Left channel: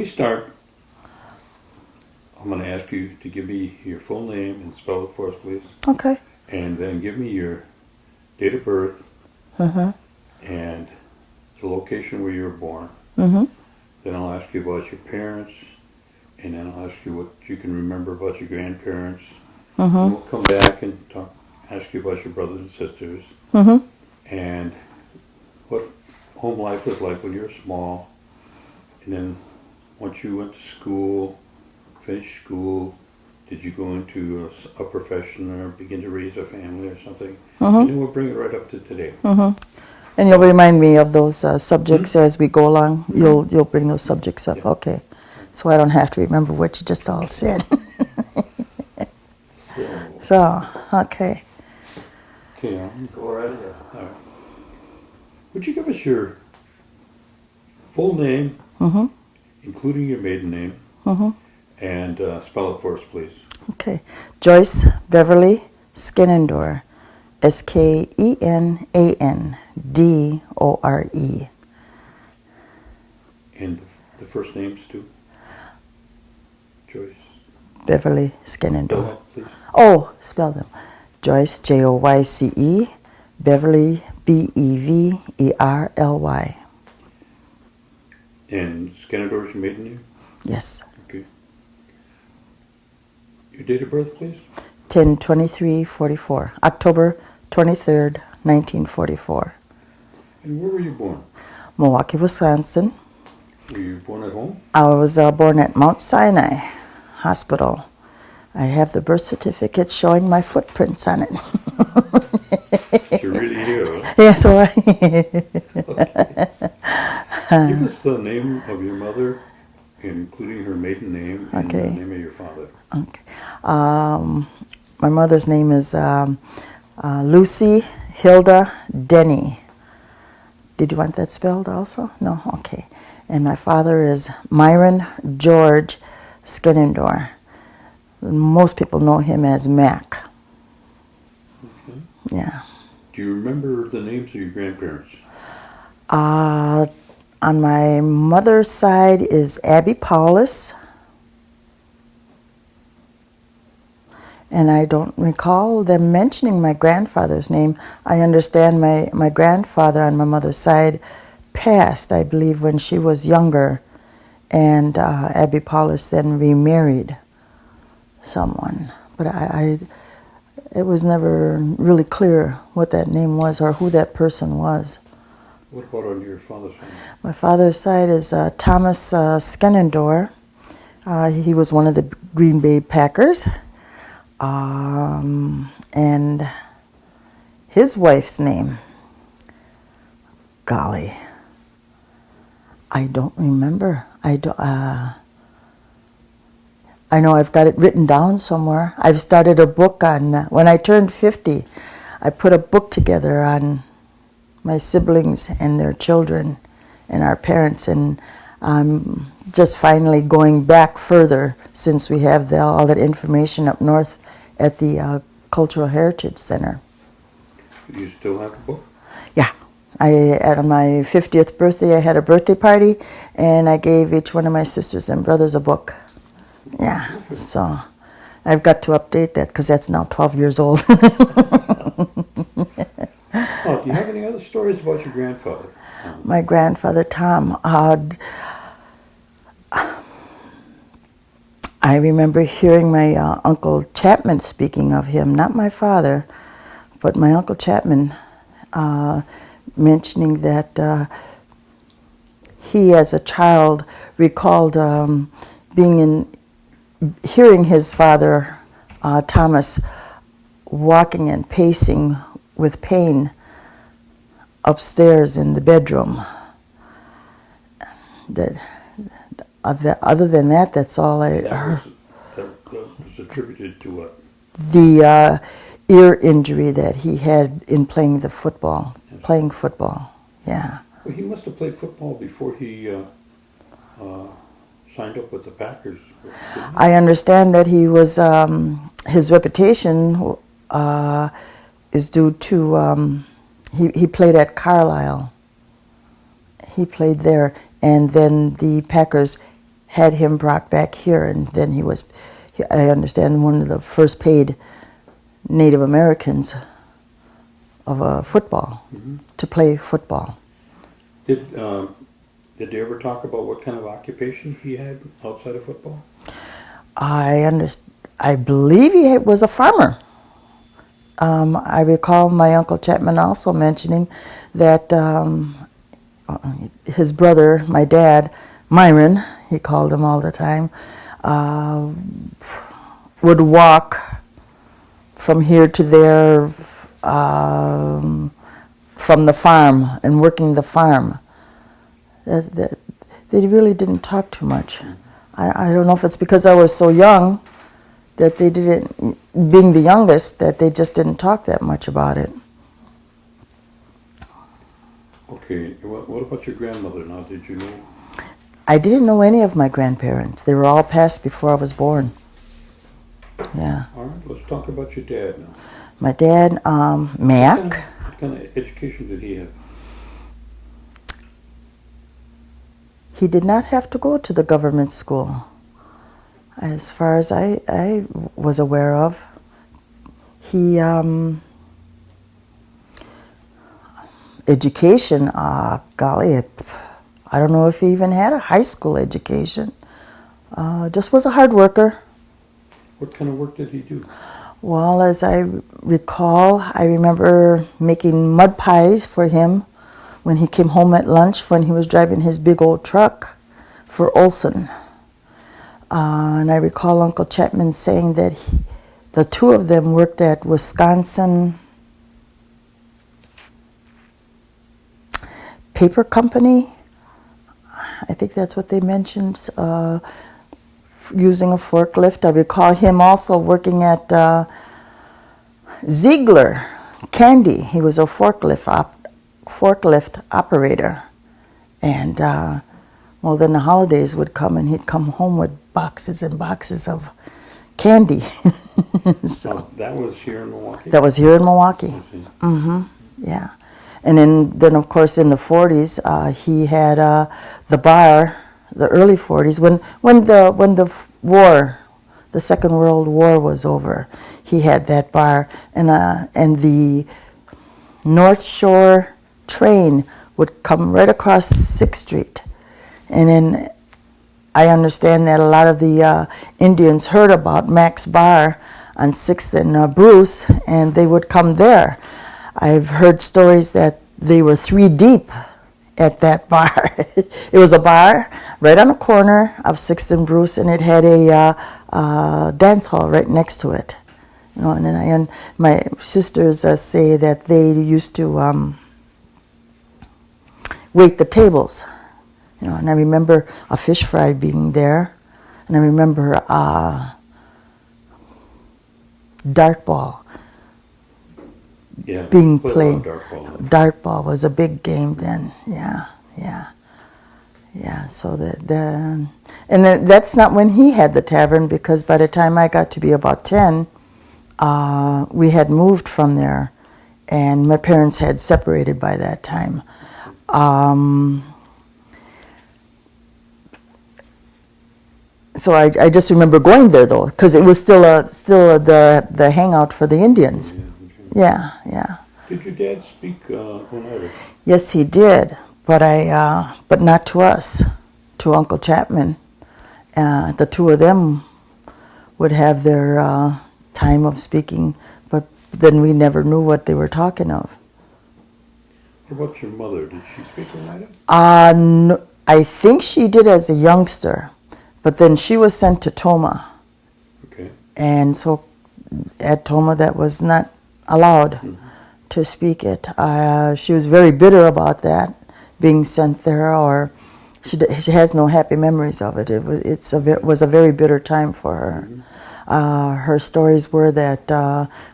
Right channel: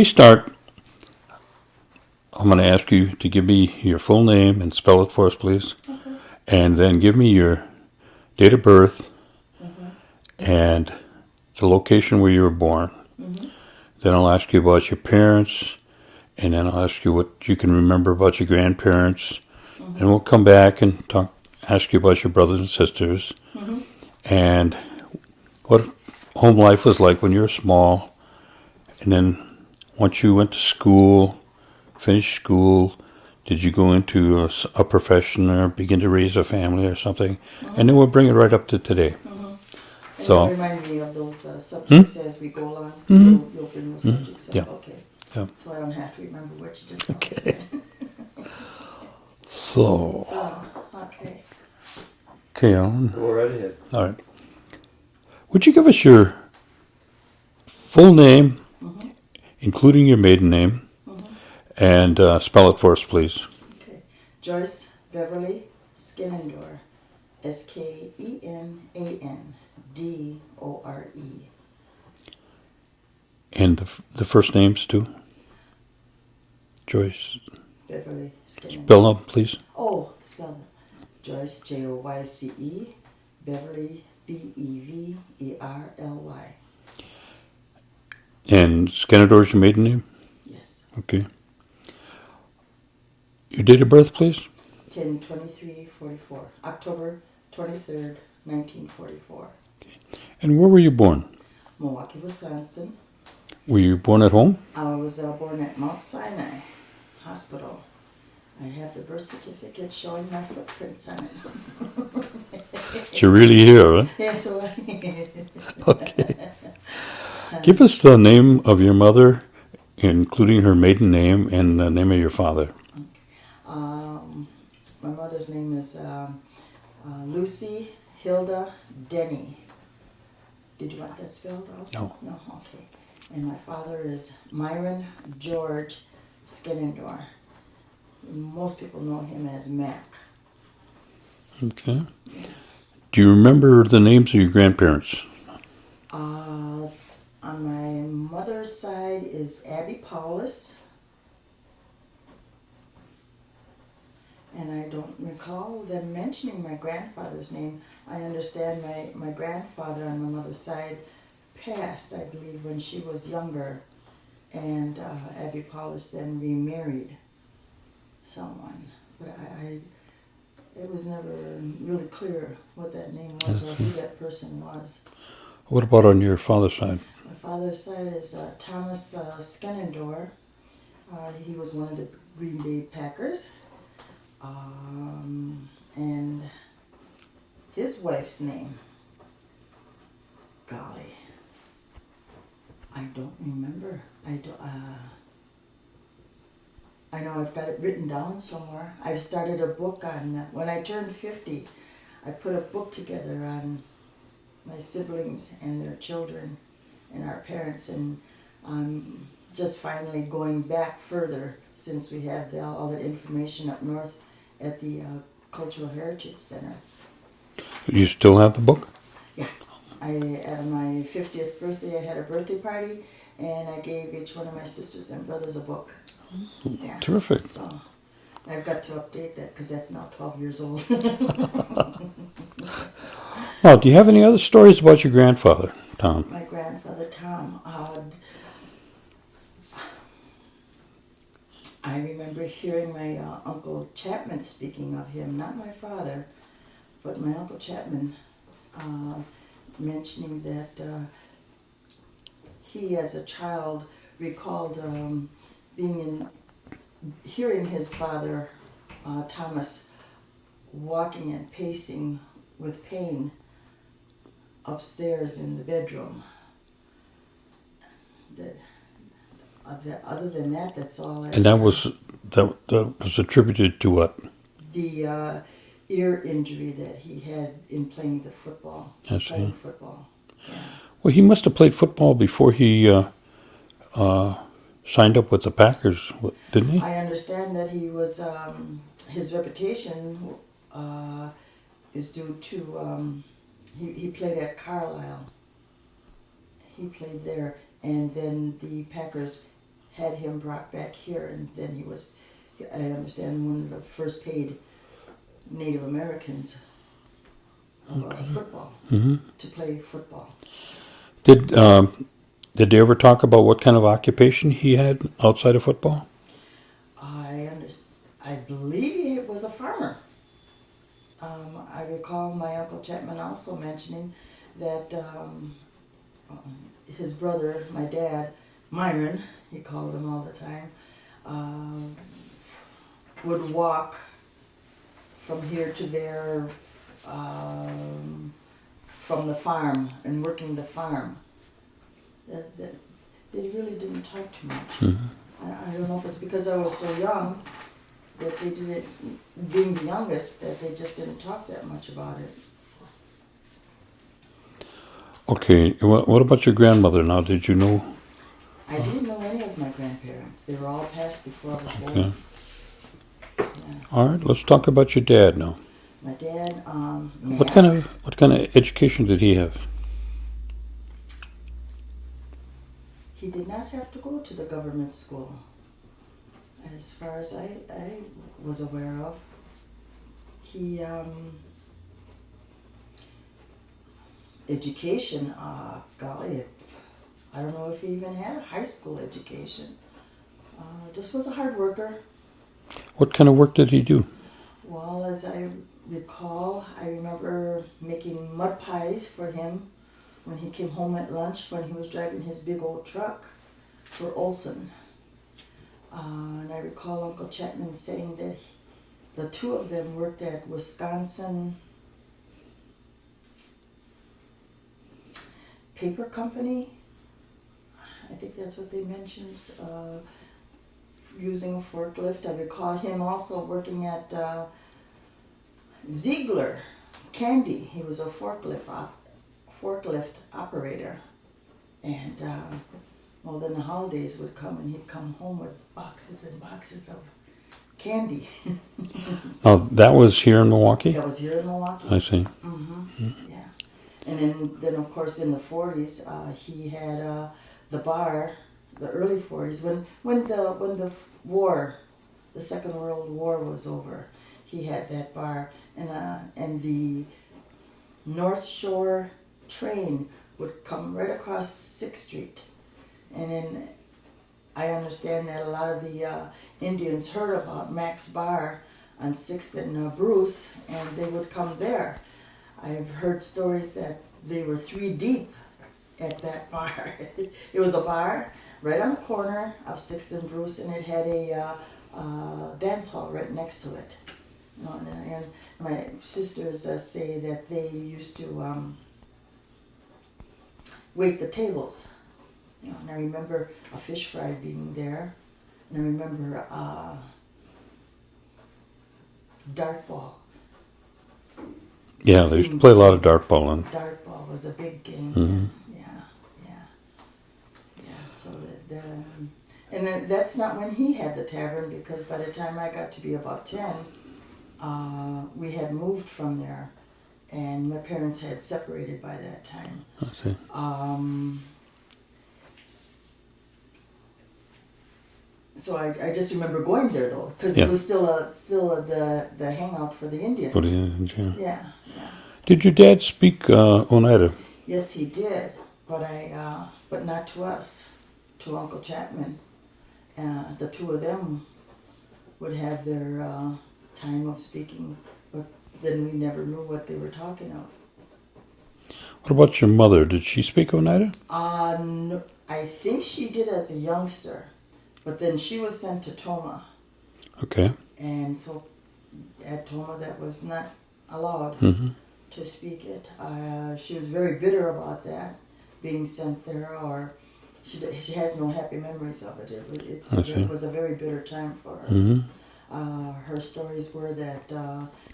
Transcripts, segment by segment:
we start, I'm going to ask you to give me your full name and spell it for us, please. Okay. And then give me your date of birth and the location where you were born. Then I'll ask you about your parents, and then I'll ask you what you can remember about your grandparents. And we'll come back and ask you about your brothers and sisters, and what home life was like when you were small. And then once you went to school, finished school, did you go into a profession or begin to raise a family or something? And then we'll bring it right up to today. And you'll remind me of those subjects as we go along. You'll bring those subjects up. Yeah. Okay. Yeah. So I don't have to remember what you just all said. So, okay. Okay, Alan. Go right ahead. All right. Would you give us your full name, including your maiden name, and spell it for us, please? Okay. Joyce Beverly Skenandore. Skenandore. And the first names, too? Joyce. Beverly Skenandore. Spell them, please. Oh, spell them. Joyce, Joyce. Beverly, Beverly. And Skenadore's your maiden name? Yes. Okay. Your date of birth, please? 10/23/44. October 23rd, 1944. And where were you born? Milwaukee, Wisconsin. Were you born at home? I was born at Mount Sinai Hospital. I have the birth certificate showing my footprints on it. You're really here, huh? Yes, all right. Okay. Give us the name of your mother, including her maiden name and the name of your father. Okay. My mother's name is Lucy Hilda Denny. Did you want that spelled also? No? Okay. And my father is Myron George Skenandore. Most people know him as Mac. Okay. Yeah. Do you remember the names of your grandparents? On my mother's side is Abby Paulus. And I don't recall them mentioning my grandfather's name. I understand my grandfather on my mother's side passed, I believe, when she was younger. And Abby Paulus then remarried someone. But it was never really clear what that name was or who that person was. What about on your father's side? My father's side is Thomas Skenandore. He was one of the Green Bay Packers. And his wife's name, golly, I don't remember. I know I've got it written down somewhere. I've started a book on, when I turned 50, I put a book together on my siblings and their children and our parents, and I'm just finally going back further since we have all that information up north at the Cultural Heritage Center. You still have the book? Yeah. At my 50th birthday, I had a birthday party, and I gave each one of my sisters and brothers a book. Yeah. Terrific. So I've got to update that because that's now 12 years old. Oh, do you have any other stories about your grandfather, Tom? My grandfather, Tom, I remember hearing my Uncle Chapman speaking of him, not my father, but my Uncle Chapman mentioning that he, as a child, recalled hearing his father, Thomas, walking and pacing with pain upstairs in the bedroom. Other than that, that's all I. And that was attributed to what? The ear injury that he had in playing football. Yeah. Well, he must have played football before he signed up with the Packers, didn't he? I understand that he was his reputation is due to he played at Carlisle. He played there, and then the Packers had him brought back here, and then I understand, one of the first paid Native Americans of football, to play football. Did they ever talk about what kind of occupation he had outside of football? I believe he was a farmer. I recall my Uncle Chapman also mentioning that his brother, my dad, Myron, he called him all the time, would walk from here to there from the farm and working the farm. They really didn't talk too much. I don't know if it's because I was so young that they didn't, being the youngest, that they just didn't talk that much about it. Okay, what about your grandmother now? Did you know? I didn't know any of my grandparents. They were all passed before I was born. Okay. Yeah. All right, let's talk about your dad now. My dad, Mac. What kind of education did he have? He did not have to go to the government school, as far as I was aware of. He, education, golly, I don't know if he even had a high school education. Just was a hard worker. What kind of work did he do? Well, as I recall, I remember making mud pies for him when he came home at lunch, when he was driving his big old truck for Olson. And I recall Uncle Chapman saying that the two of them worked at Wisconsin Paper Company. I think that's what they mentioned, using a forklift. I recall him also working at Ziegler Candy. He was a forklift operator. And well, then the holidays would come and he'd come home with boxes and boxes of candy. Oh, that was here in Milwaukee? That was here in Milwaukee. I see. Yeah. And then of course in the 40s, he had the bar, the early 40s, when the war, the Second World War was over, he had that bar, and the North Shore train would come right across 6th Street. And then I understand that a lot of the Indians heard about Mac's bar on 6th and Bruce, and they would come there. I've heard stories that they were 3 deep at that bar. It was a bar right on the corner of 6th and Bruce, and it had a dance hall right next to it. You know, and then my sisters say that they used to wait the tables. You know, and I remember a fish fry being there, and I remember dart ball. Yeah, they played a lot of dart ball. Dart ball was a big game then. Yeah. So that's not when he had the tavern, because by the time I got to be about 10, we had moved from there, and my parents had separated by that time. Okay. So I just remember going there though, because it was still the hangout for the Indians. Yeah. Did your dad speak Oneida? Yes, he did, but not to us, to Uncle Chapman. The two of them would have their time of speaking, but then we never knew what they were talking of. What about your mother? Did she speak Oneida? No, I think she did as a youngster. But then she was sent to Toma. Okay. And so at Toma that was not allowed to speak it. She was very bitter about that, being sent there, or she has no happy memories of it. It was a very bitter time for her. Her stories were that,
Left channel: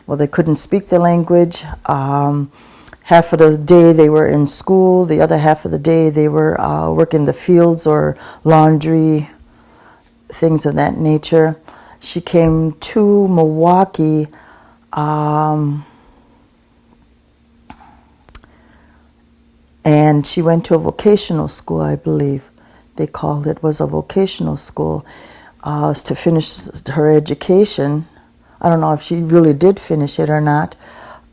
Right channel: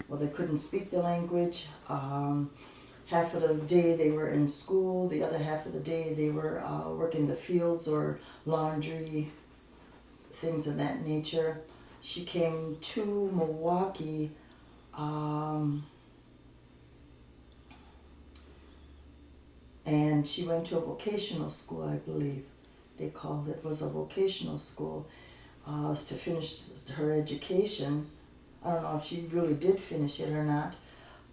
they couldn't speak the language. Half of the day they were in school. The other half of the day they were working the fields or laundry, things of that nature. She came to Milwaukee and she went to a vocational school, I believe, they called it, was a vocational school, to finish her education. I don't know if she really did finish it or not.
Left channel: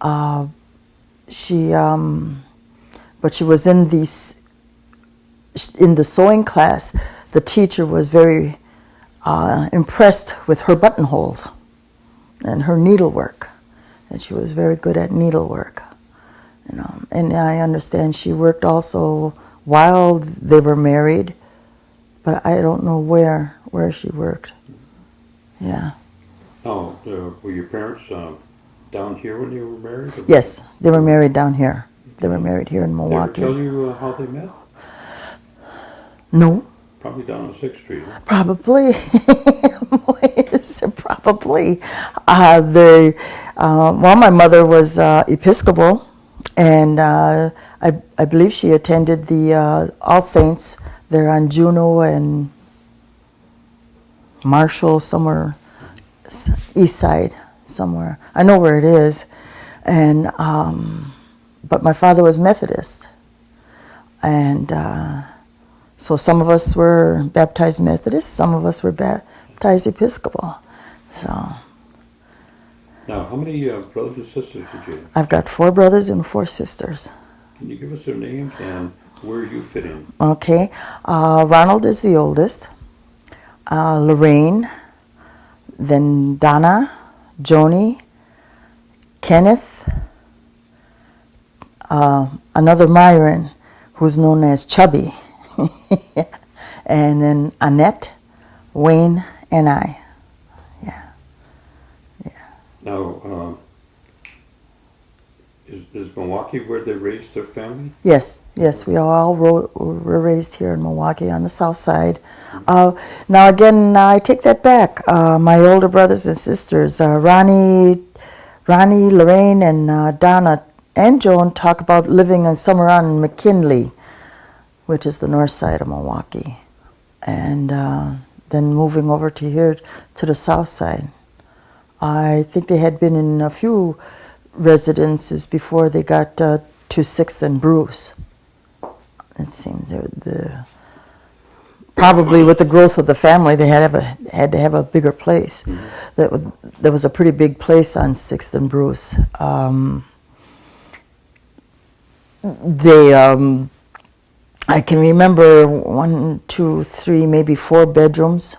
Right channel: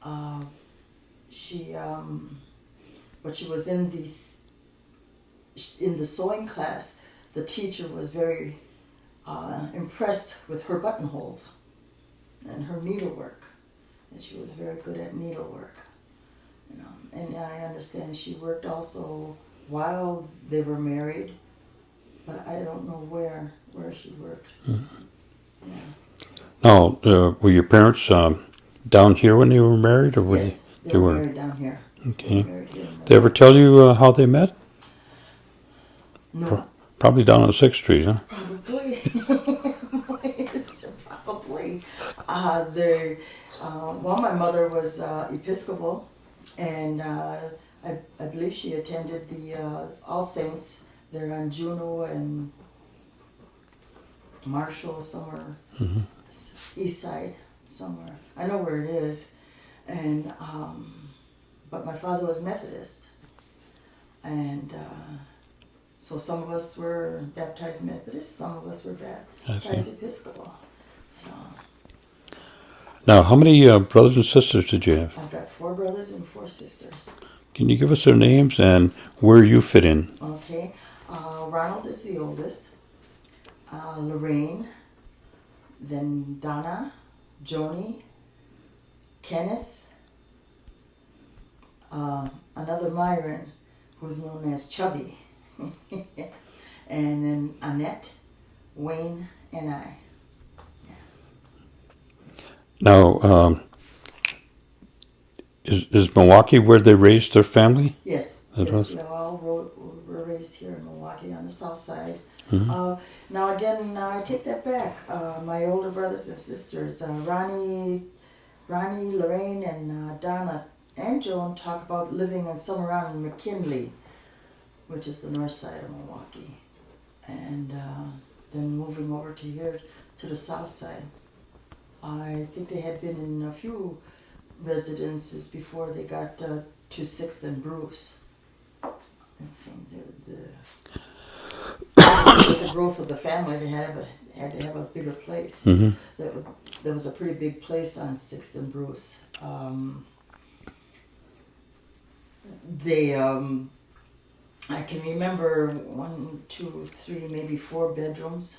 But she was in the sewing class. The teacher was very impressed with her buttonholes and her needlework, and she was very good at needlework. You know, and I understand she worked also while they were married, but I don't know where she worked. Mm-hmm. Yeah. Now, were your parents down here when they were married? Or yes, they were married down here. Okay. They were married here in Milwaukee. Did they ever tell you how they met? No. Probably down on 6th Street, huh? Probably. Yes, probably. My mother was Episcopal, and I believe she attended the All Saints there on Juneau and Marshall, somewhere east side, somewhere. I know where it is. And but my father was Methodist, and so some of us were baptized Methodist, some of us were baptized Episcopal. So. Now, how many brothers and sisters did you have? I've got 4 brothers and 4 sisters. Can you give us their names and where you fit in? Okay. Ronald is the oldest. Lorraine, then Donna, Joni, Kenneth, another Myron, who's known as Chubby, and then Annette, Wayne, and I. Now, is Milwaukee where they raised their family? Yes, yes, we all were raised here in Milwaukee on the south side. Mm-hmm. Now again, I take that back. My older brothers and sisters, Ronnie, Lorraine, and Donna and Joan talk about living somewhere on McKinley, which is the north side of Milwaukee, and then moving over to here to the south side. I think they had been in a few residences before they got to 6th and Bruce. It seems probably with the growth of the family, they had to have a bigger place. Mm-hmm. There was a pretty big place on 6th and Bruce. I can remember 1, 2, 3, maybe 4 bedrooms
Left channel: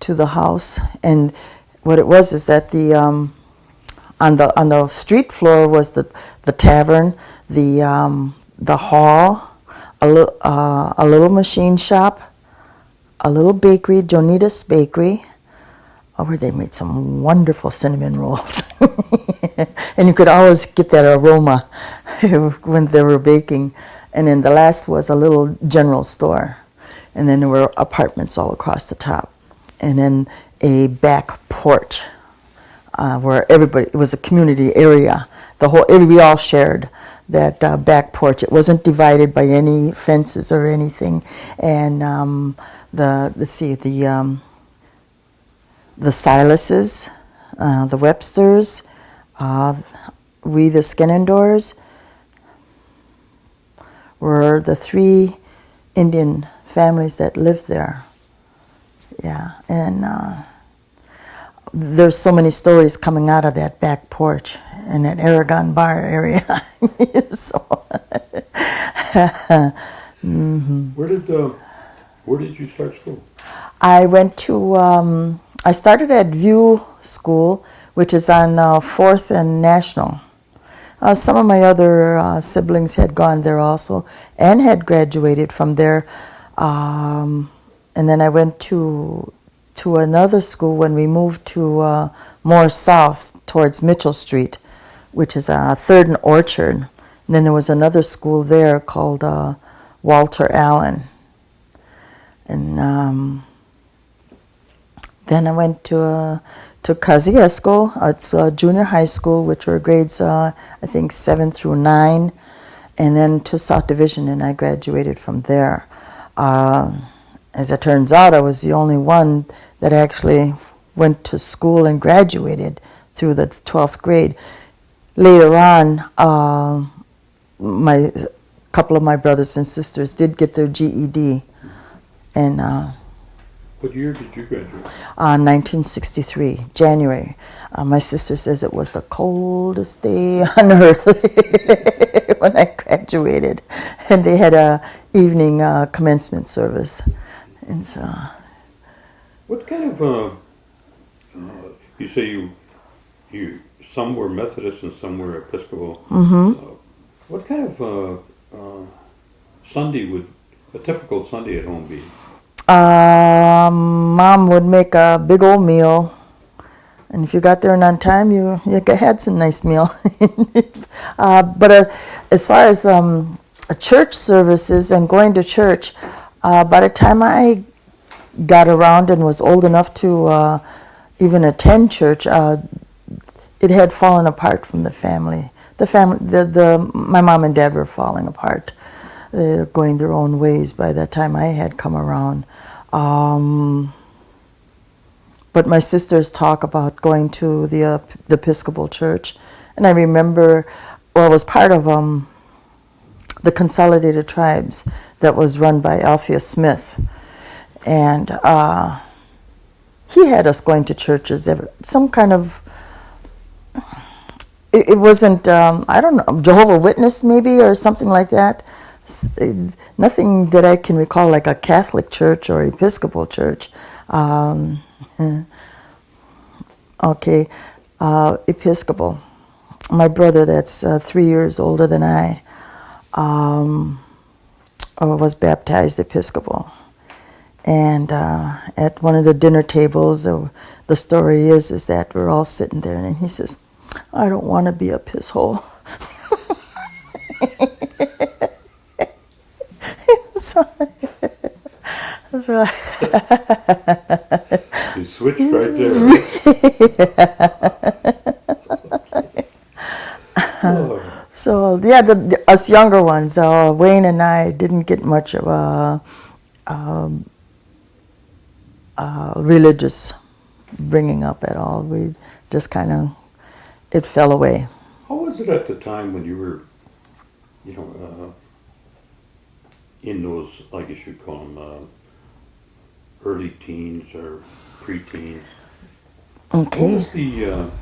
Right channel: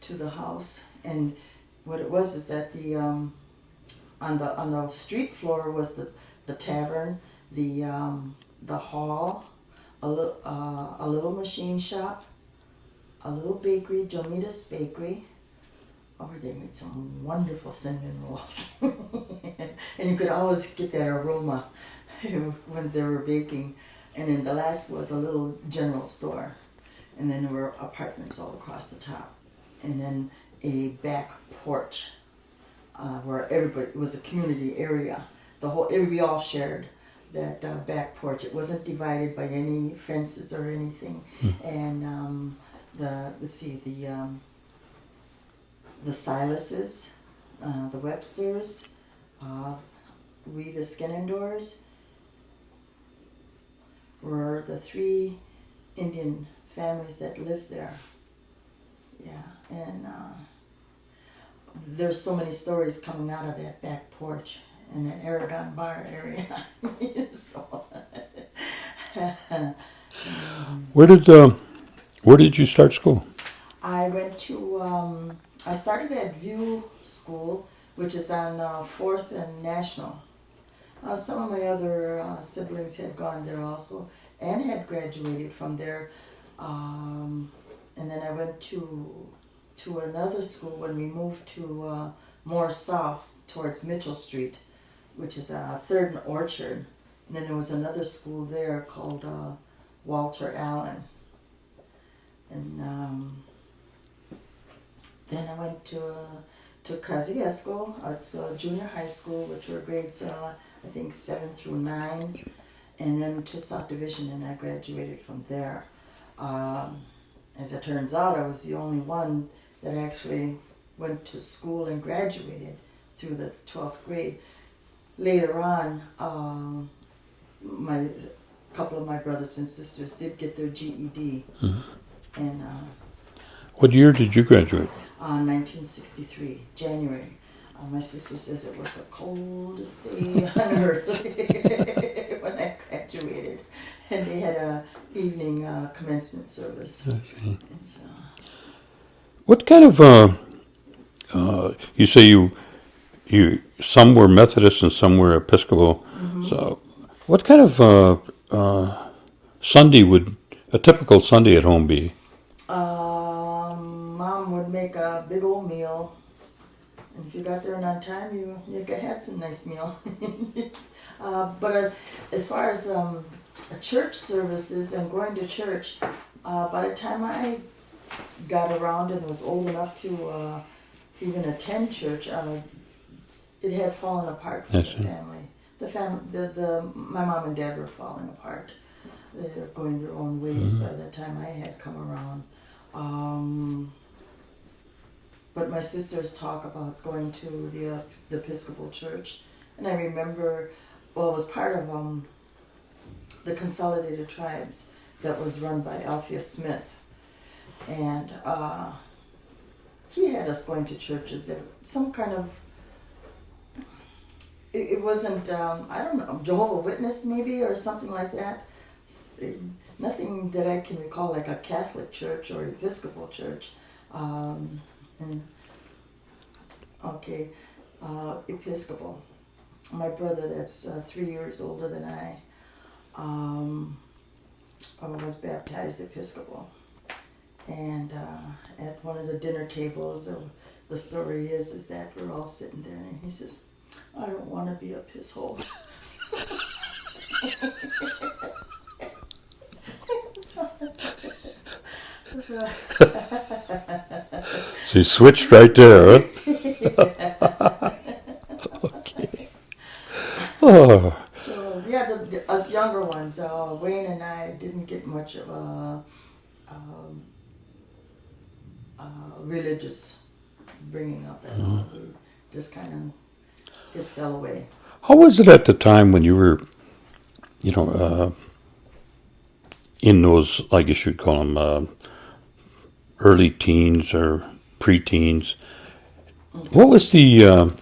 to the house, and what it was is that on the street floor was the tavern, the hall, a little machine shop, a little bakery, Jonita's Bakery, where they made some wonderful cinnamon rolls, and you could always get that aroma when they were baking. And then the last was a little general store, and then there were apartments all across the top, and then a back porch where everybody, it was a community area. We all shared that back porch. It wasn't divided by any fences or anything. And the Silases, the Websters, we the Skenandores were the 3 Indian families that lived there. Yeah, and there's so many stories coming out of that back porch in that Aragon Bar area. So, mm-hmm. Where did you start school? I went to I started at View School, which is on 4th and National. Some of my other siblings had gone there also and had graduated from there. And then I went to another school when we moved to more south towards Mitchell Street, which is 3rd and Orchard. And then there was another school there called Walter Allen. And then I went to Kosciuszko. It's a junior high school, which were grades, I think, 7 through 9. And then to South Division, and I graduated from there. As it turns out, I was the only one that actually went to school and graduated through the 12th grade. Later on, couple of my brothers and sisters did get their GED, And What year did you graduate? 1963, January. My sister says it was the coldest day on earth when I graduated, and they had a evening commencement service, and so. What kind of you say you some were Methodist and some were Episcopal. So what kind of Sunday would a typical Sunday at home be? Mom would make a big old meal, and if you got there on time, you had some nice meal. But as far as church services and going to church, by the time I got around and was old enough to even attend church, it had fallen apart from the family. My mom and dad were falling apart. They were going their own ways by the time I had come around. But my sisters talk about going to the Episcopal Church, and I remember, I was part of the Consolidated Tribes that was run by Alpheus Smith, and he had us going to churches. Some kind of, it wasn't, I don't know, Jehovah's Witness maybe or something like that. Nothing that I can recall like a Catholic church or Episcopal church. Okay, Episcopal. My brother, that's 3 years older than I, was baptized Episcopal. And at one of the dinner tables, the story is that we're all sitting there, and he says, "I don't want to be a piss hole." She switched right there. Okay. Oh. So yeah, us younger ones, Wayne and I didn't get much of a religious bringing up at all. We just kind of, it fell away. How was it at the time when you were, in those, I guess you'd call them early teens or preteens? Okay. What was the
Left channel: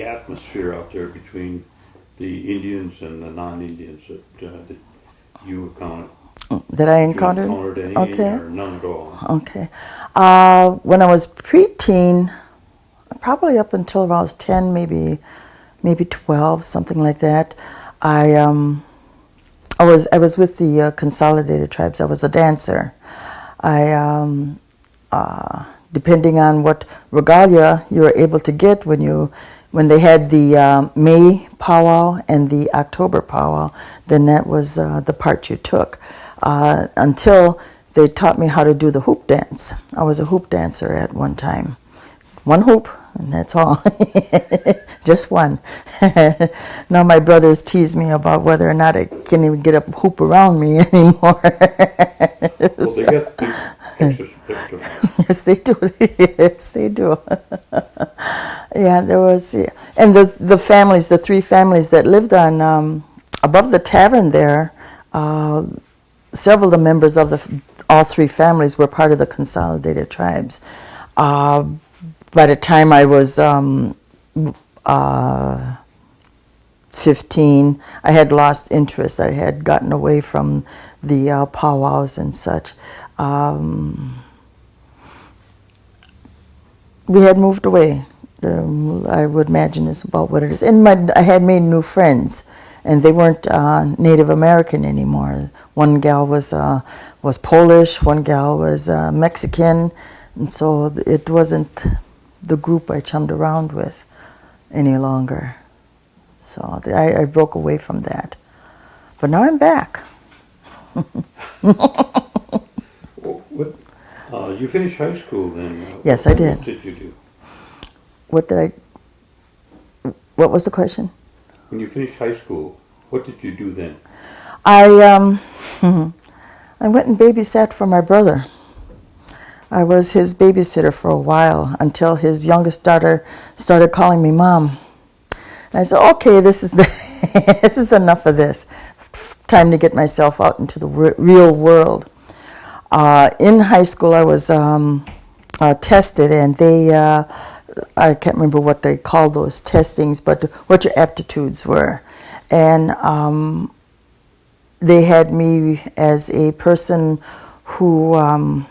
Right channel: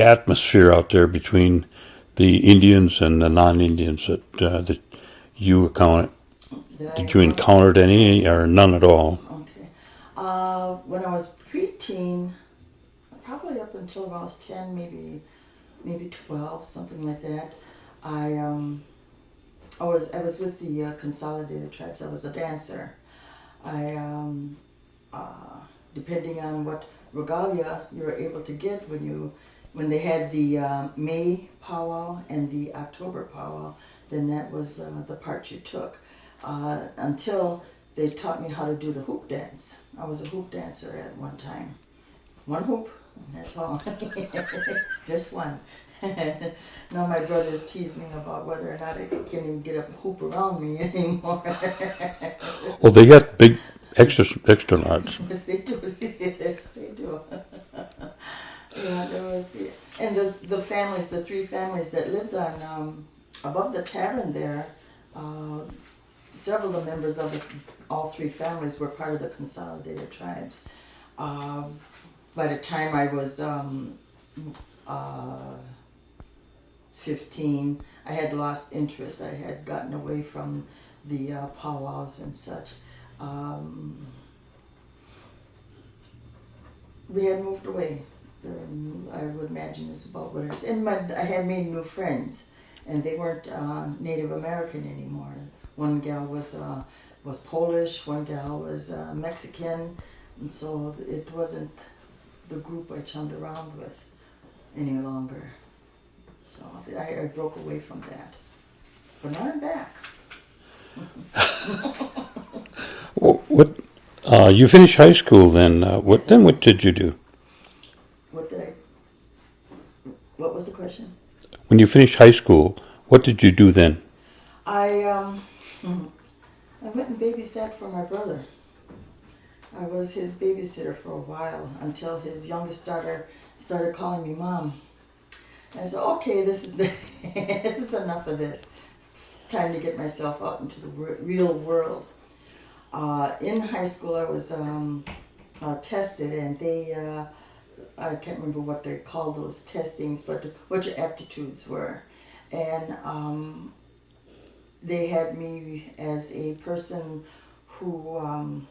atmosphere out there between the Indians and the non-Indians that you encountered? That I encountered? Did you encountered any Okay. or none at all? Okay. When I was preteen, probably up until I was 10, maybe 12, something like that, I was with the Consolidated Tribes. I was a dancer. Depending on what regalia you were able to get when they had the May powwow and the October powwow, then that was the part you took. Until they taught me how to do the hoop dance. I was a hoop dancer at one time. One hoop, and that's all. Just one. Now my brothers tease me about whether or not I can even get a hoop around me anymore. Well, they got big extra large. Yes, they do. Yes, they do. Yeah, there was, yeah. And the families, the three families that lived on above the tavern there, several of the members of all three families were part of the Consolidated Tribes. By the time I was 15, I had lost interest. I had gotten away from the powwows and such. We had moved away. I would imagine it's about what it is. And I had made new friends, and they weren't Native American anymore. One gal was Polish, one gal was Mexican, and so it wasn't the group I chummed around with any longer. So I broke away from that. But now I'm back. What? You finished high school then? Yes, I did. What did you do? What was the question? When you finished high school, what did you do then? I went and babysat for my brother. I was his babysitter for a while until his youngest daughter started calling me Mom. And I said, okay, this is enough of this. Time to get myself out into the real world. In high school, I was tested, and I can't remember what they called those testings, but what your aptitudes were. And they had me as a person who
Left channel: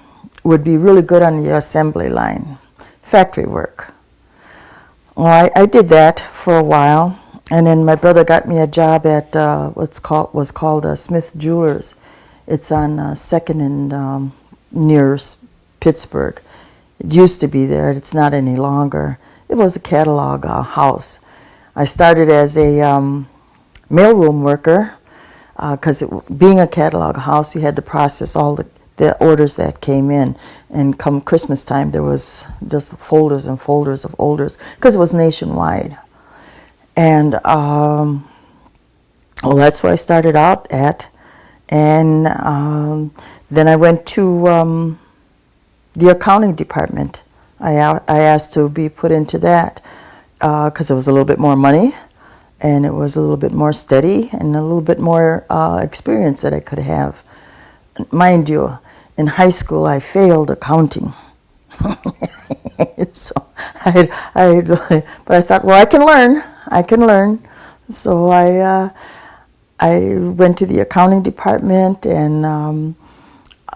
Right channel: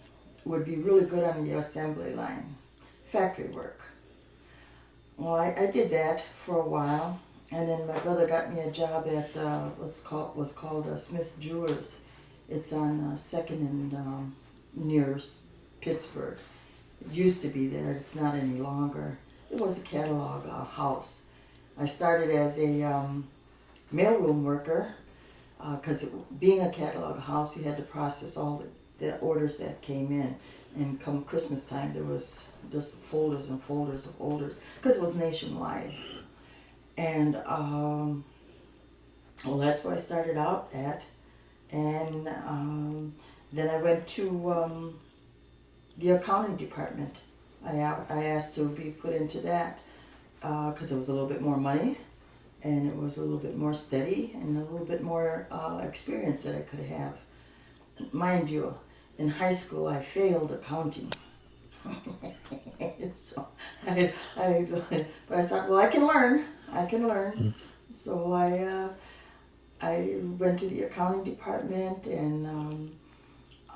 would be really good on the assembly line, factory work. Well, I did that for a while, and then my brother got me a job at was called Smith Jewelers. It's on 2nd and near Pittsburgh. It used to be there. It's not any longer. It was a catalog house. I started as a mailroom worker because being a catalog house, you had to process all the orders that came in. And come Christmas time, there was just folders and folders of orders because it was nationwide. And well, that's where I started out at. And then I went to the accounting department. I asked to be put into that because it was a little bit more money, and it was a little bit more steady, and a little bit more experience that I could have. Mind you, in high school I failed accounting. So but I thought, well, I can learn. So I went to the accounting department, and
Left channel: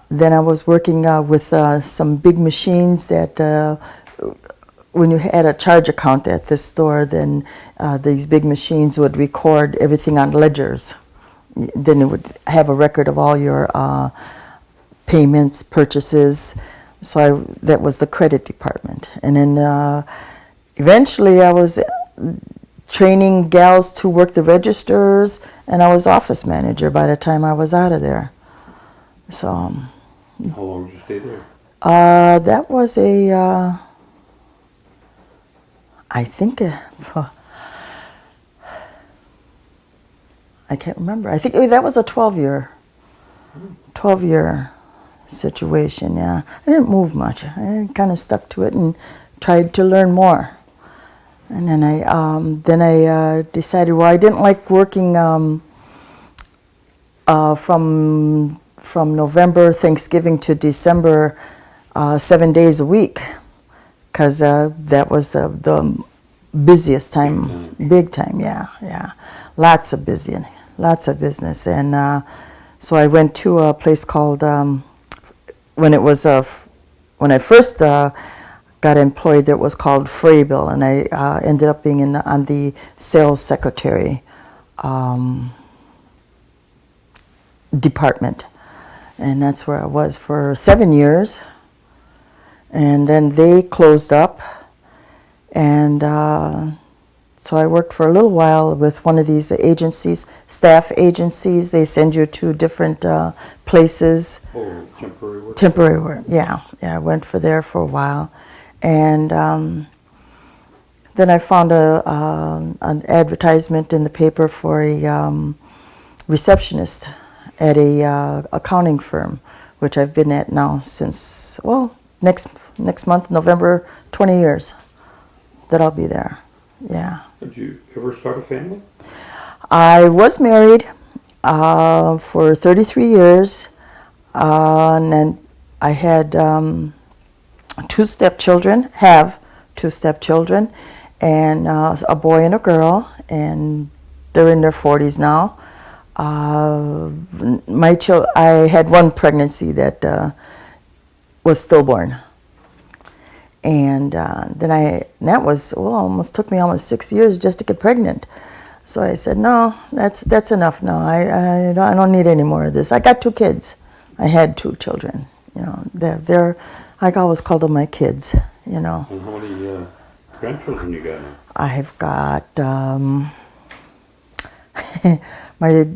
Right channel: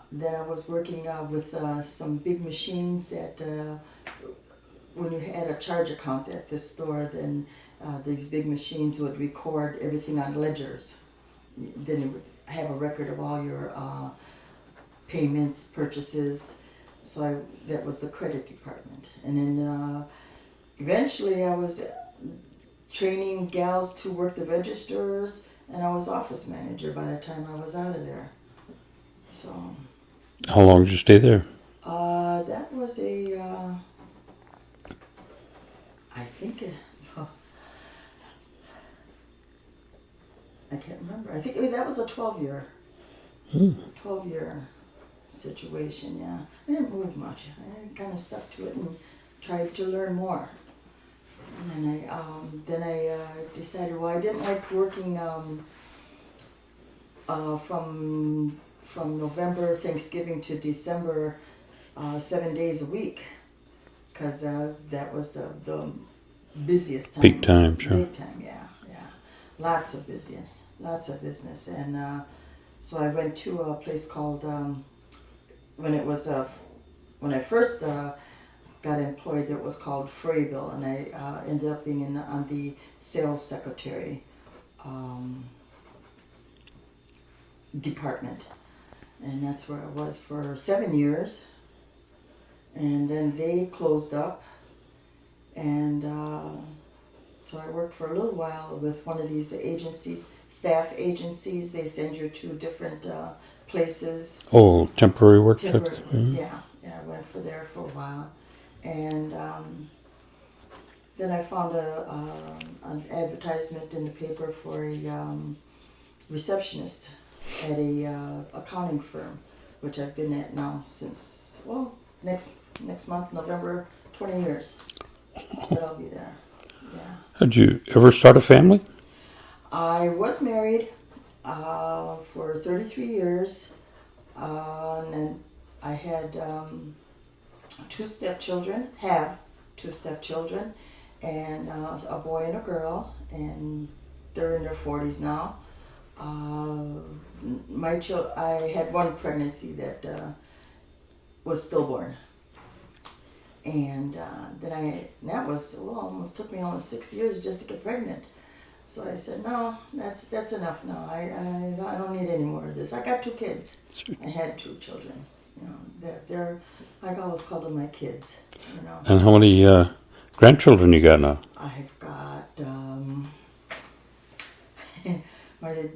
then I was working with some big machines that when you had a charge account at this store, then these big machines would record everything on ledgers. Then it would have a record of all your payments, purchases. So that was the credit department. And then eventually I was training gals to work the registers, and I was office manager by the time I was out of there. So. How long did you stay there? That was I think, I can't remember. I think that was a 12-year situation, yeah. I didn't move much. I kind of stuck to it and tried to learn more. And then I decided, well, I didn't like working from November, Thanksgiving to December, 7 days a week, because that was the busiest time. Big time. Sure. Big time, yeah. Lots of business. And so I went to a place called, when I first got employed, there, it was called Fraybill, and I ended up being on the sales secretary department. And that's where I was for 7 years. And then they closed up. And so I worked for a little while with one of these agencies, staff agencies. They send you to different places. Oh, temporary work? Temporary work, yeah. I went there for a while. And then I found an advertisement in the paper for a receptionist at a accounting firm, which I've been at now since, well, next month, November, 20 years that I'll be there. Yeah. Had you ever start a family? I was married for 33 years, and then I had two stepchildren, and a boy and a girl, and they're in their 40s now. I had one pregnancy that was stillborn, and that was almost took me almost 6 years just to get pregnant. So I said, no, that's enough. No, I don't need any more of this. I got 2 kids. I had 2 children. You know, they're I always call them my kids. You know. And how many grandchildren you got now? I've got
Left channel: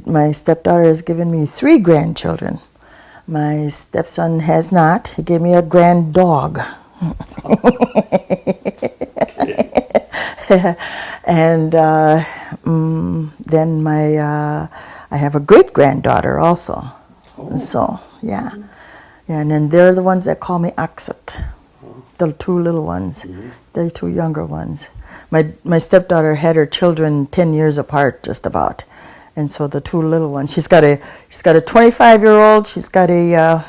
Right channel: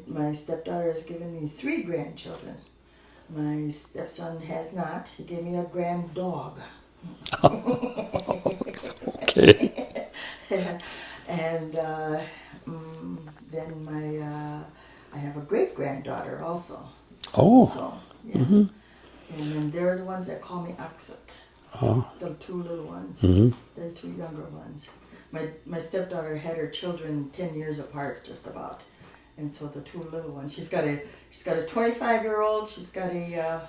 my stepdaughter has given me 3 grandchildren. My stepson has not. He gave me a grand dog. Okay. And then I have a great granddaughter also. Oh. So yeah, yeah, and then they're the ones that call me Aksut. Oh. The 2 little ones, the 2 younger ones. My stepdaughter had her children 10 years apart, just about, and so the 2 little ones. She's got a 25-year-old. She's got a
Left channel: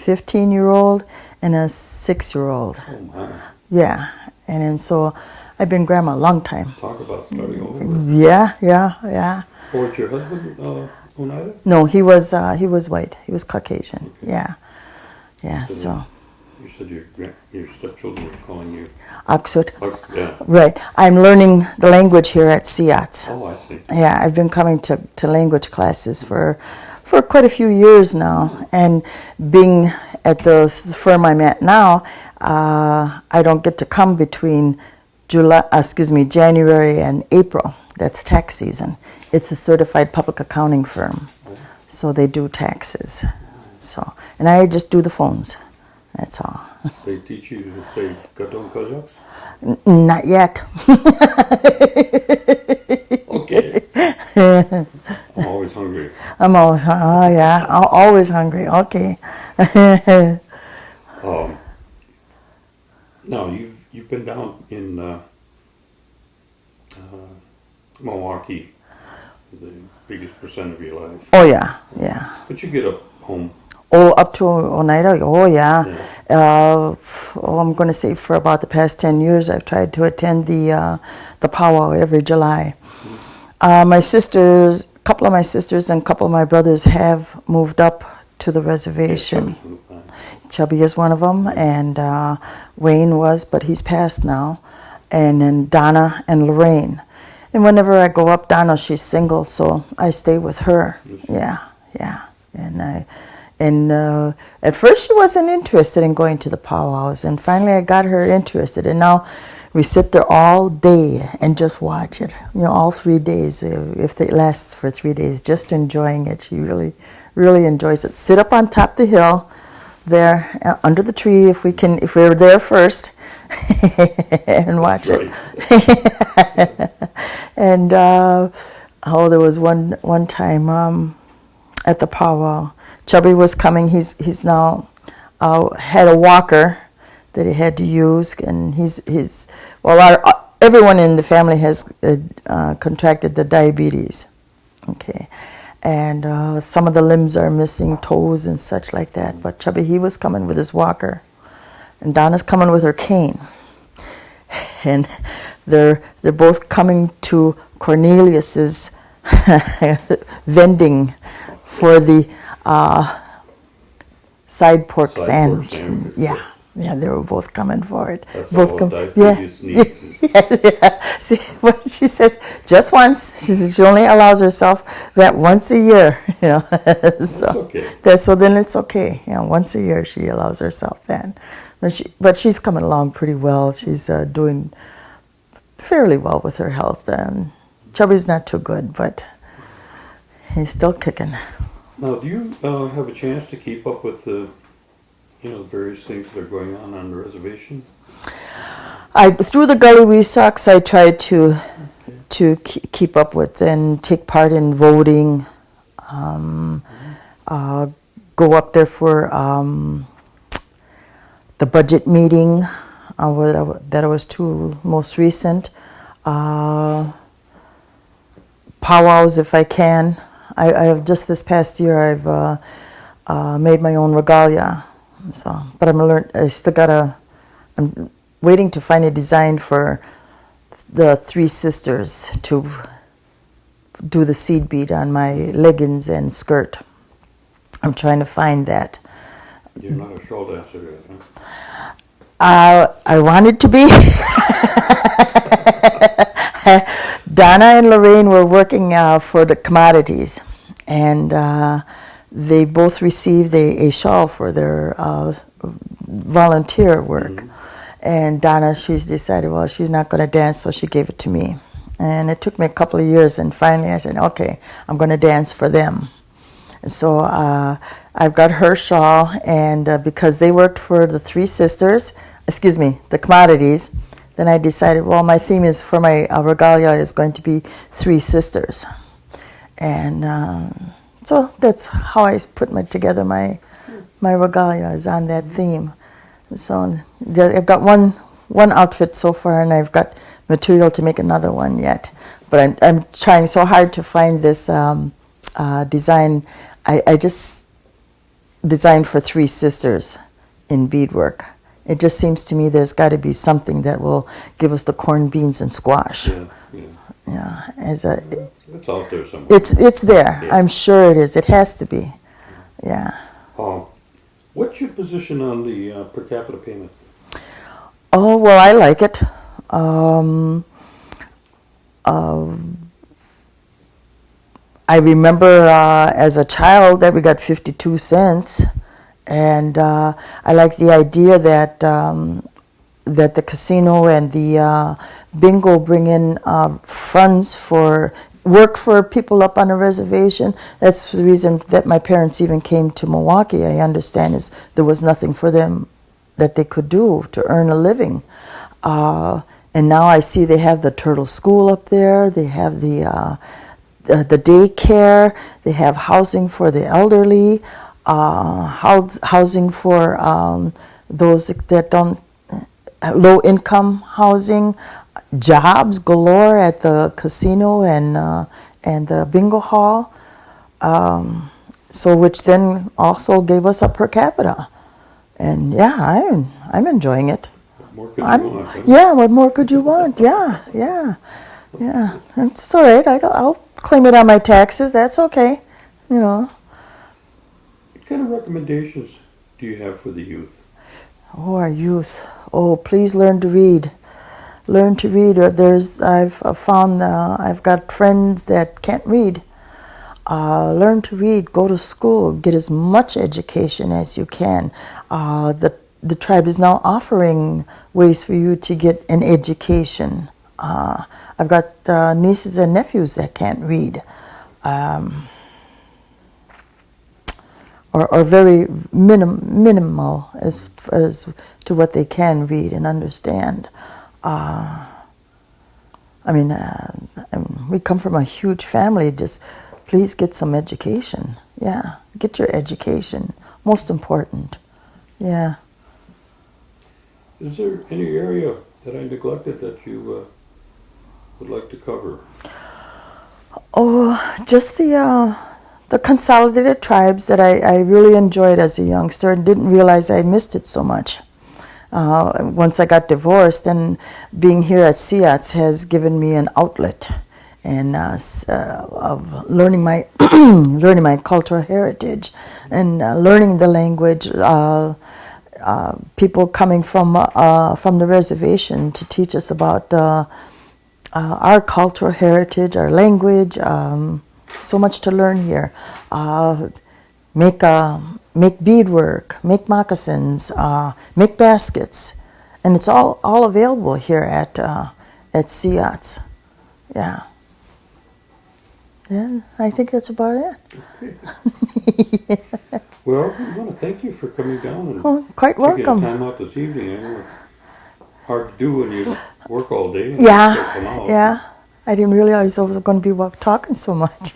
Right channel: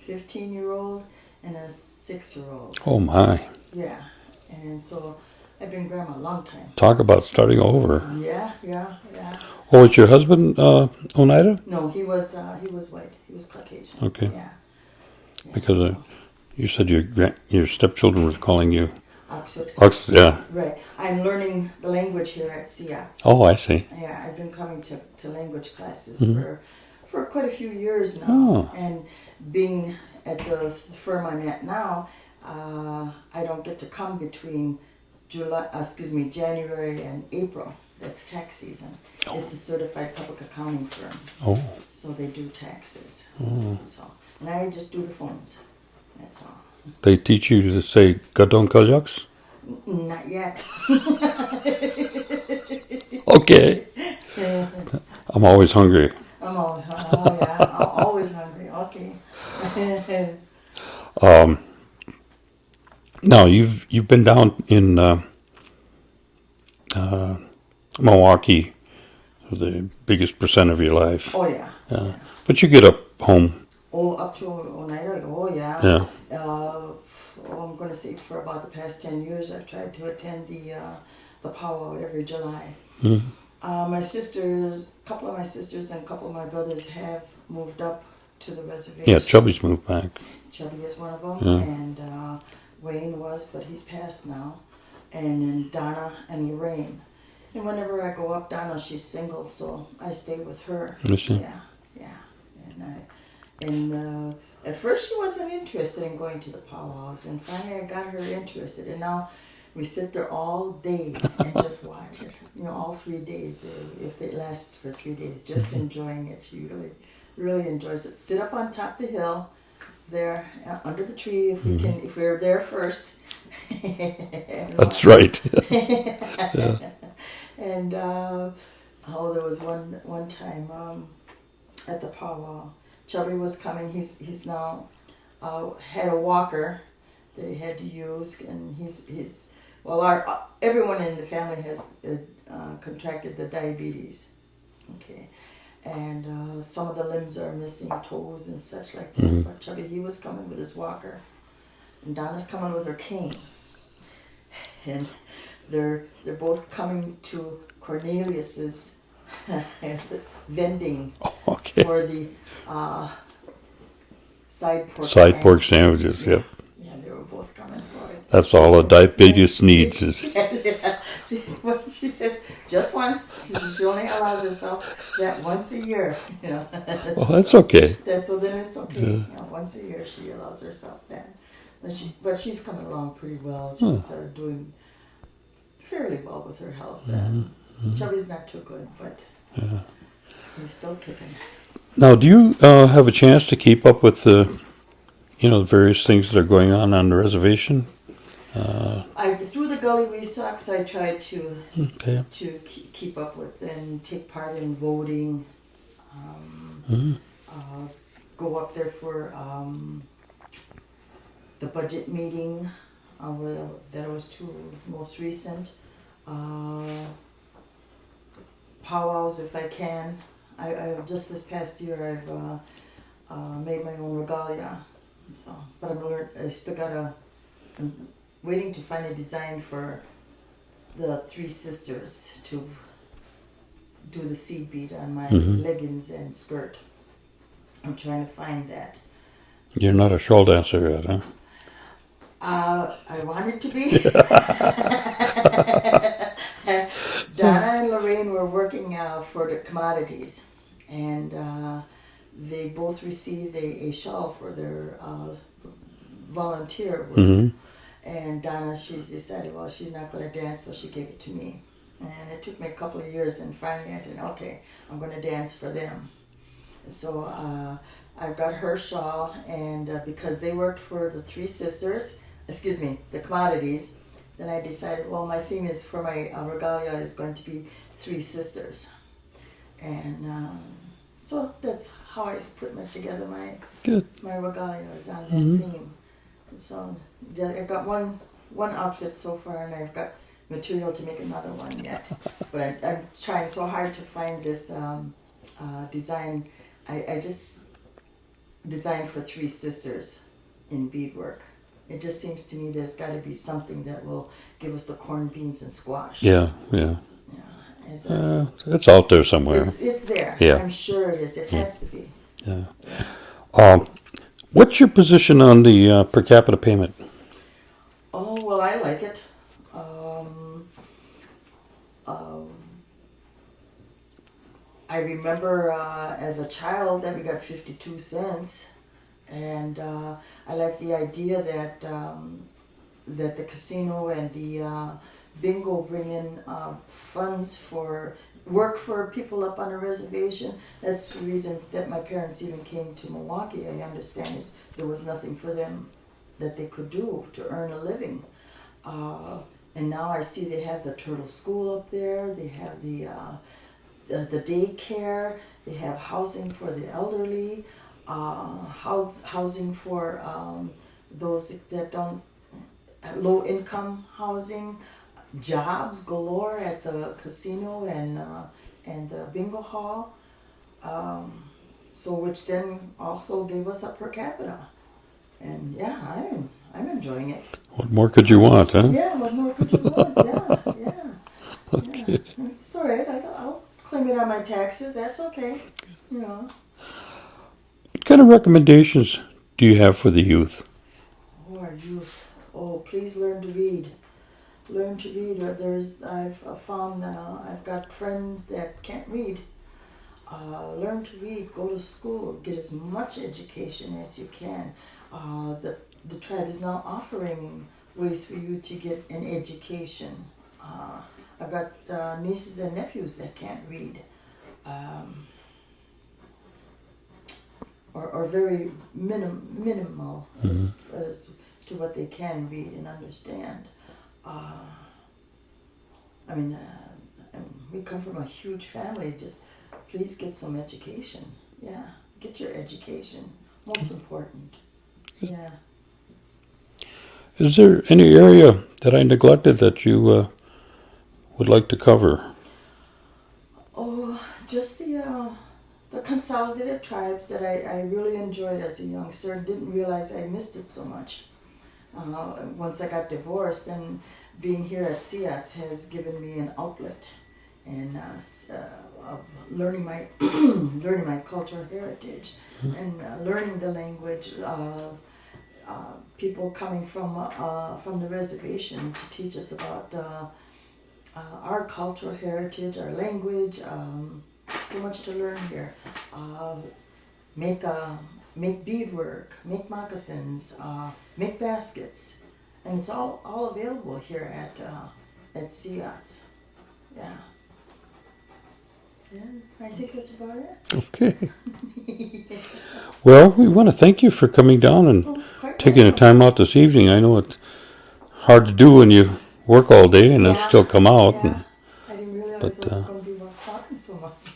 15-year-old, and a 6-year-old. Oh, my. Yeah, and then so I've been grandma a long time. Talk about starting over. Yeah. Oh, was your husband Oneida? No, he was white. He was Caucasian. Okay. Yeah. Because So you said your stepchildren were calling you. Aksut. Yeah. Right. I'm learning the language here at SIATS. Oh, I see. Yeah, I've been coming to language classes for quite a few years now. Oh. And being at the firm I'm at now, I don't get to come between January and April. That's tax season. It's a certified public accounting firm. Oh. So they do taxes. So, and I just do the phones. That's all. They teach you to say Gadon Kalyaks? Not yet. Okay. I'm always hungry. I'm always, I'm always hungry. Okay. Now you've been down in Milwaukee for the biggest percent of your life. Oh yeah. But you get up home. Oh, up to Oneida. Oh yeah. Yeah. I'm going to say for about the past 10 years, I've tried to attend the powwow every July. My sisters, a couple of my sisters and a couple of my brothers have moved up to the reservation. Yeah, Chubby's moved back. Chubby is one of them, and Wayne was, but he's passed now. And then Donna and Lorraine. And whenever I go up, Donna, she's single, so I stay with her. Yeah. And at first she wasn't interested in going to the powwows, and finally I got her interested, and now we sit there all day and just watch it. All 3 days, if it lasts for 3 days, just enjoying it. She really, really enjoys it. Sit up on top of the hill, there under the tree, if we're there first, and watch it. That's right. And there was one time at the powwow. Chubby was coming. He's now had a walker that he had to use, and everyone in the family has contracted the diabetes. Okay, and some of the limbs are missing, toes and such like that. But Chubby, he was coming with his walker, and Donna's coming with her cane, and they're both coming to Cornelius's vending for the side pork sandwiches. Yeah, they were both coming for it. That's all the diabetes needs is. See, when she says just once, she only allows herself that once a year. Well, that's okay. So then it's okay. Once a year she allows herself that. But she's coming along pretty well. She's doing fairly well with her health. Chubby's not too good, but he's still kicking. Now, do you have a chance to keep up with the various things that are going on the reservation? Through the Gully Wee Sox, I try to keep up with and take part in voting. Go up there for the budget meeting that I was to most recent. Powwows if I can. I have just this past year I've made my own regalia. So, but I'm waiting to find a design for the three sisters to do the seed bead on my leggings and skirt. I'm trying to find that. You're not a shawl dancer yet, huh? I wanted to be. Donna and Lorraine were working for the commodities, and they both received a shawl for their volunteer work. And Donna, she's decided, well, she's not going to dance, so she gave it to me. And it took me a couple of years, and finally I said, okay, I'm going to dance for them. So I've got her shawl, and because they worked for the three sisters, the commodities, then I decided, well, my theme is for my regalia is going to be three sisters. And so that's how I put together my regalia is on that theme. So I've got one outfit so far, and I've got material to make another one yet. But I'm trying so hard to find this design. I just designed for 3 sisters in beadwork. It just seems to me there's got to be something that will give us the corned beans and squash. Yeah. Yeah, It's out there somewhere. it's there. Yeah. I'm sure it is. It has to be. Yeah. What's your position on the per capita payment? Oh, well, I like it. I remember as a child that we got 52 cents, and I like the idea that that the casino and the bingo bring in funds for work for people up on a reservation. That's the reason that my parents even came to Milwaukee, I understand, is there was nothing for them that they could do to earn a living. And now I see they have the Turtle School up there, they have the daycare, they have housing for the elderly, housing for those that don't, low income housing, jobs galore at the casino and the bingo hall, so which then also gave us a per capita. And yeah, I'm enjoying it. What more could you want, huh? Yeah, what more could you want? Yeah. It's all right. I'll claim it on my taxes. That's okay. What kind of recommendations do you have for the youth? Oh, our youth. Oh, please learn to read. Learn to read. I've found I've got friends that can't read. Learn to read. Go to school. Get as much education as you can. The tribe is now offering ways for you to get an education. I've got nieces and nephews that can't read, or very minimal as to what they can read and understand. We come from a huge family. Just please get some education. Yeah, get your education. Most important. Yeah. Is there any area that I neglected that you would like to cover? Oh, just the consolidated tribes that I really enjoyed as a youngster and didn't realize I missed it so much. Once I got divorced, and being here at SEATS has given me an outlet and of learning my learning my cultural heritage and learning the language. People coming from the reservation to teach us about our cultural heritage, our language. So much to learn here. Make beadwork, make moccasins, make baskets, and it's all available here at SEATS. Yeah. Yeah, I think that's about it. Okay. Well, we want to thank you for coming down and taking the time out this evening. I know it's hard to do when you work all day and you still come out. Yeah, I didn't realize I was going to be talking so much.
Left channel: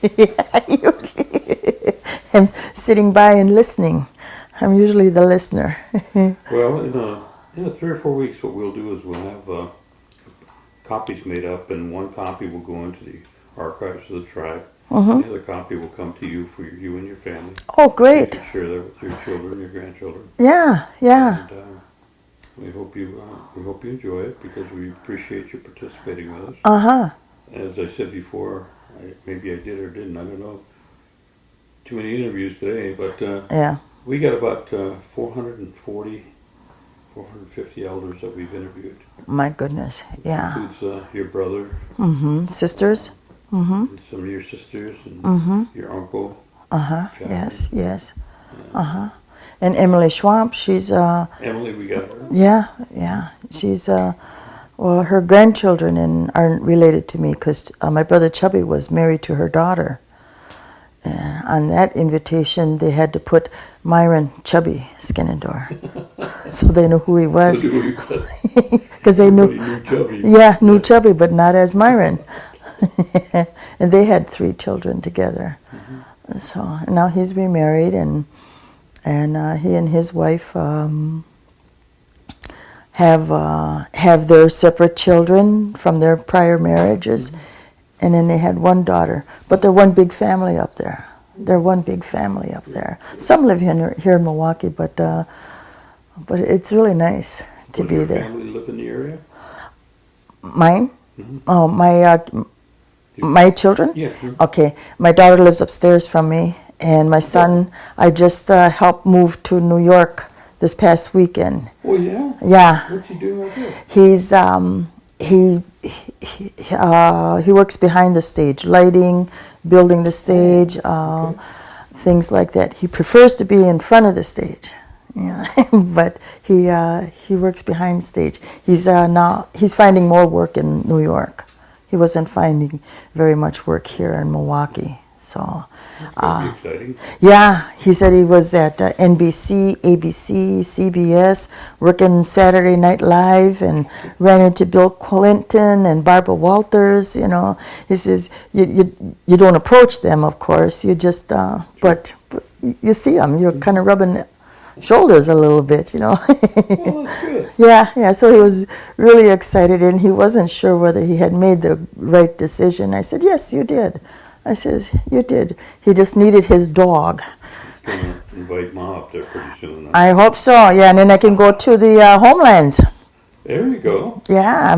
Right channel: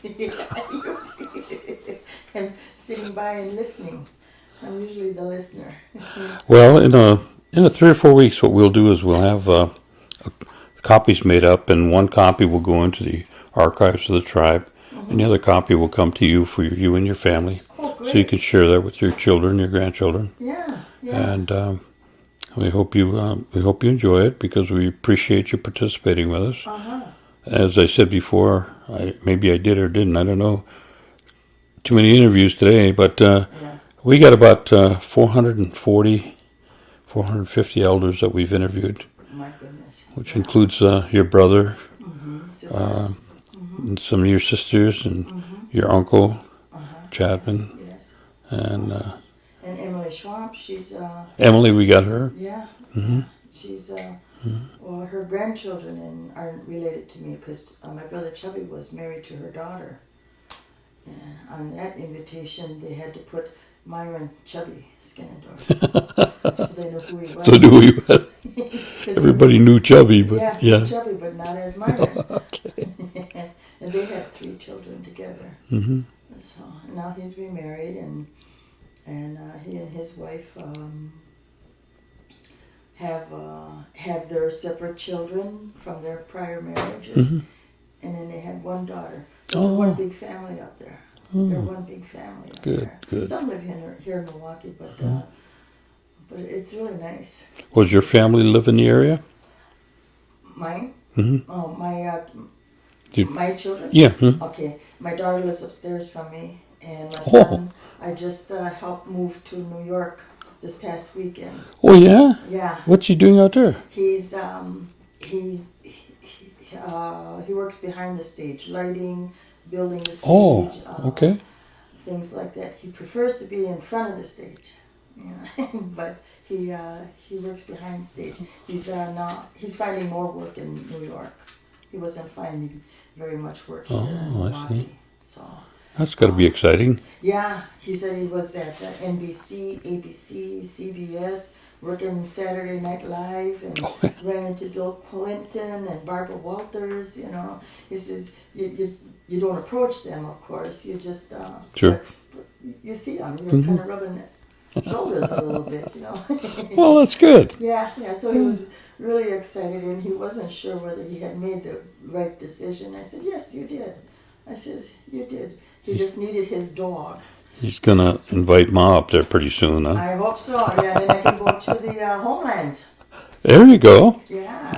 I'm sitting by and listening. I'm usually the listener. Well, in a 3 or 4 weeks, what we'll do is we'll have copies made up, and one copy will go into the archives of the tribe, and the other copy will come to you for you and your family. Oh, great! So you can share that with your children, your grandchildren. Yeah. And we hope you enjoy it because we appreciate you participating with us. As I said before, maybe I did or didn't. I don't know. Too many interviews today, but we got about 440, 450 elders that we've interviewed. My goodness. Which includes your brother, sisters, and some of your sisters, and your uncle, Chapman. Yes. And Emily Schwamp, she's Emily, we got her. Yeah. She's well, her grandchildren aren't related to me because my brother Chubby was married to her daughter. And on that invitation, they had to put Myron Chubby Skenandore, so they knew who he was. So knew who he was. Because everybody knew Chubby. Knew Chubby, but not as Myron. And they had 3 children together. So now he's remarried, and he and his wife have their separate children from their prior marriages. And then they had 1 daughter. But they're one big family up there. They're one big family up Good, there. good. Some live here in Milwaukee, but it's really nice. Was your family live in the area? Mine? Mhm. Oh, You- my children? Yeah. mhm. Okay. My daughter lives upstairs from me, and my son, I just helped move to New York this past weekend. Oh, yeah? Yeah. What's he doing out there? He's he works behind the stage, lighting, building the stage, okay. things like that. He prefers to be in front of the stage, yeah. But he works behind the stage. He's finding more work in New York. He wasn't finding very much work here in Milwaukee. So That's got to be exciting. yeah, he said he was at NBC, ABC, CBS, working Saturday Night Live, and ran into Bill Clinton and Barbara Walters. You know, he says you don't approach them, of course. You just but you see them. You're kind of rubbing shoulders a little bit. You know. Well, that's good. Yeah. So he was really excited, and he wasn't sure whether he had made the right decision. I said, yes, you did. I says, you did. He just needed his dog. He's going to invite Ma up there pretty soon, huh? I hope so. Yeah, and then I can go to the homelands. There you go. Yeah,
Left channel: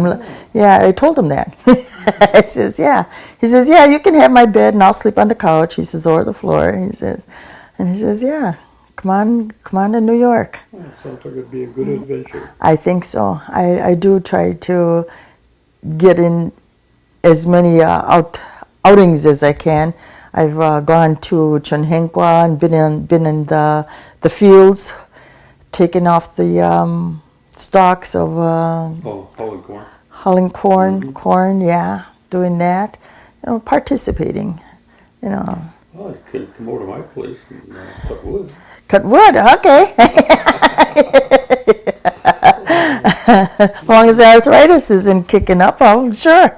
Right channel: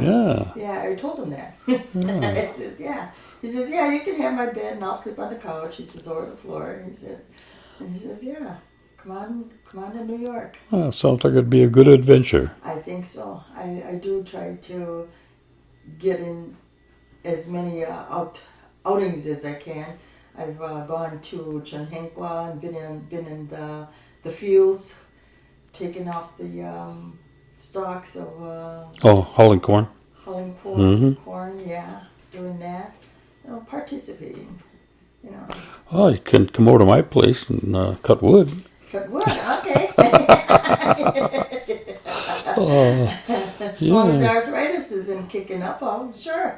I told him that. I says, yeah. He says, yeah, you can have my bed and I'll sleep on the couch. He says, or the floor. He says, yeah, come on to New York. Oh, sounds like it'd be a good adventure. I think so. I do try to get in as many outings as I can. I've gone to Chunhenqua and been in the fields, taken off the stalks of Hauling corn. hulling corn, yeah, doing that, participating, Oh, you can come over to my place and cut wood. Cut wood, okay. As long as the arthritis isn't kicking up, oh, sure.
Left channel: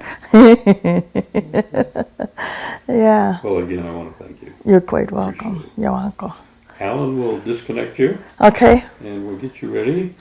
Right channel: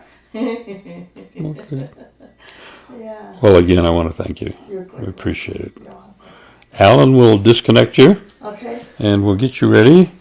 Yeah. Well, again, I want to thank you. You're quite welcome. Appreciate it. You're welcome. Alan will disconnect you, Okay. and we'll get you ready